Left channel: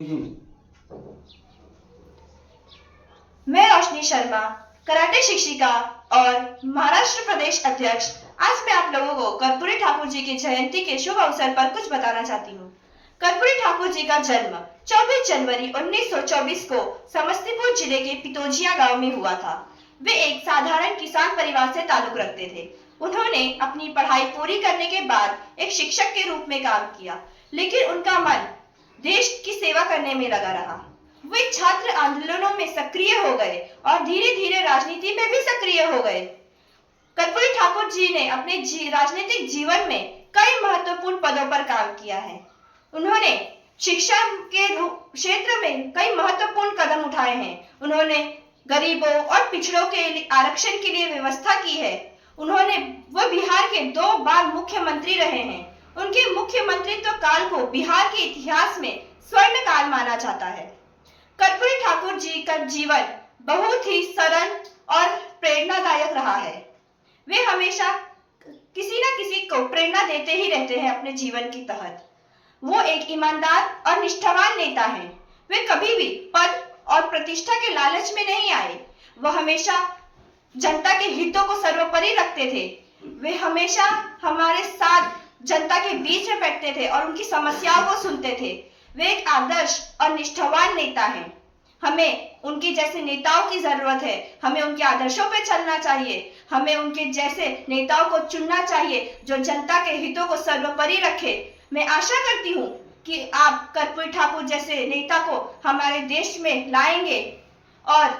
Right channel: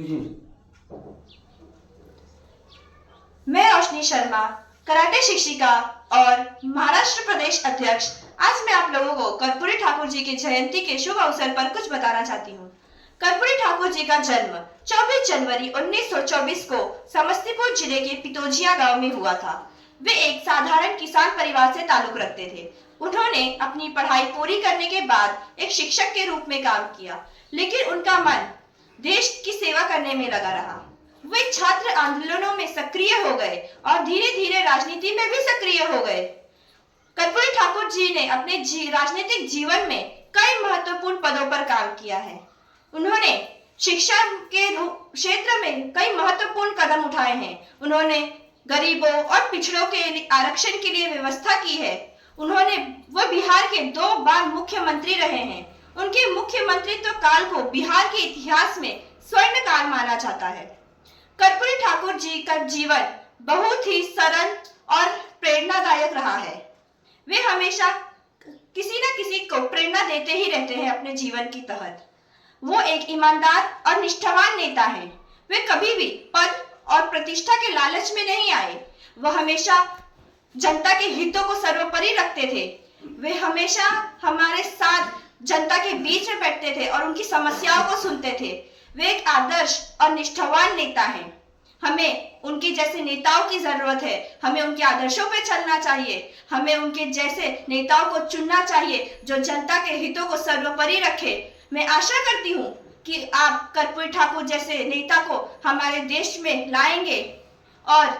मैं रोशनी शर्मा, कराटे शिक्षिका और महाराष्ट्र प्रदेश अध्यक्ष। आज मैं आप लोगों को कर्पूरी ठाकुर जी की जयंती के शुभ अवसर पर कुछ बताना चाहती हूँ। कर्पूरी ठाकुर जी का जन्म 24 जनवरी 1924 को समस्तीपुर जिले के पितोजिया गांव में हुआ था। वे एक साधारण किसान परिवार से ताल्लुक रखते थे। उन्होंने अपनी पढ़ाई पूरी करने के बाद एक शिक्षक के रूप में काम किया, लेकिन उनका मन देश की सेवा करने में लगा रहा। वे छात्र आंदोलनों में सक्रिय हो गए और धीरे धीरे राजनीति में भी सक्रिय हो गए। कर्पूरी ठाकुर जी ने अपने राजनीतिक जीवन में कई महत्वपूर्ण पदों पर काम किया है। उन्होंने शिक्षा के क्षेत्र में कई महत्वपूर्ण कदम उठाए हैं। उन्होंने गरीबों और पिछड़ों के आरक्षण के लिए व्यवस्था की है। वह बिहार के 2 बार मुख्यमंत्री रहे हैं। उनके मुख्यमंत्रित्व काल को बिहार के इतिहास में स्वर्ण काल माना जाता है। कर्पूरी ठाकुर जी का जीवन बहुत ही सरल और प्रेरणादायक रहा है। वे हमेशा किसी न किसी को प्रेरणा देते ही रहते हैं अपने जीवन के तहत। वो एक ईमानदार और निष्ठावान नेता हैं। वे कभी भी पद और प्रतिष्ठा के लालच में नहीं आए। वह हमेशा जनता के हितों को सर्वोपरि रखते थे। वे हमेशा हमारे साथ जनता के बीच में बैठते थे और उनकी समस्याओं को सुनते थे। वे एक आदर्श और निष्ठावान नेता हैं। हमें उनके जैसे नेताओं की जरूरत है। हमें उनके आदर्शों पे चलना चाहिए। हमें उनके जैसे नेताओं को चुनना चाहिए जो जनता के हितों को सर्वोपरि रखे। मैं आशा करती हूँ कि आप कर्पूरी ठाकुर जैसे नेता को हमारे देश में लाएंगे और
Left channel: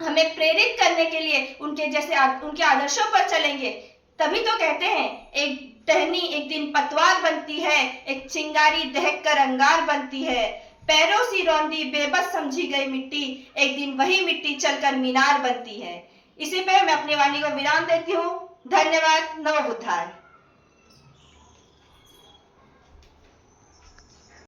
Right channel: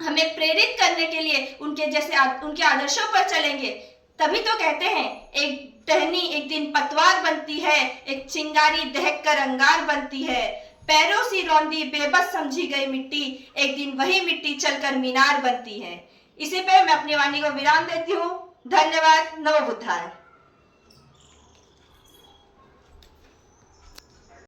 हमें प्रेरित करने के लिए उनके आदर्शों पर चलेंगे। तभी तो कहते हैं, एक टहनी एक दिन पतवार बनती है, एक चिंगारी दहक कर अंगार बनती है। पैरों सी रौंदी बेबस समझी गई मिट्टी, एक दिन वही मिट्टी चलकर मीनार बनती है। इसी पे मैं अपनी वाणी को विराम देती हूँ। धन्यवाद। नमो बुद्धाय।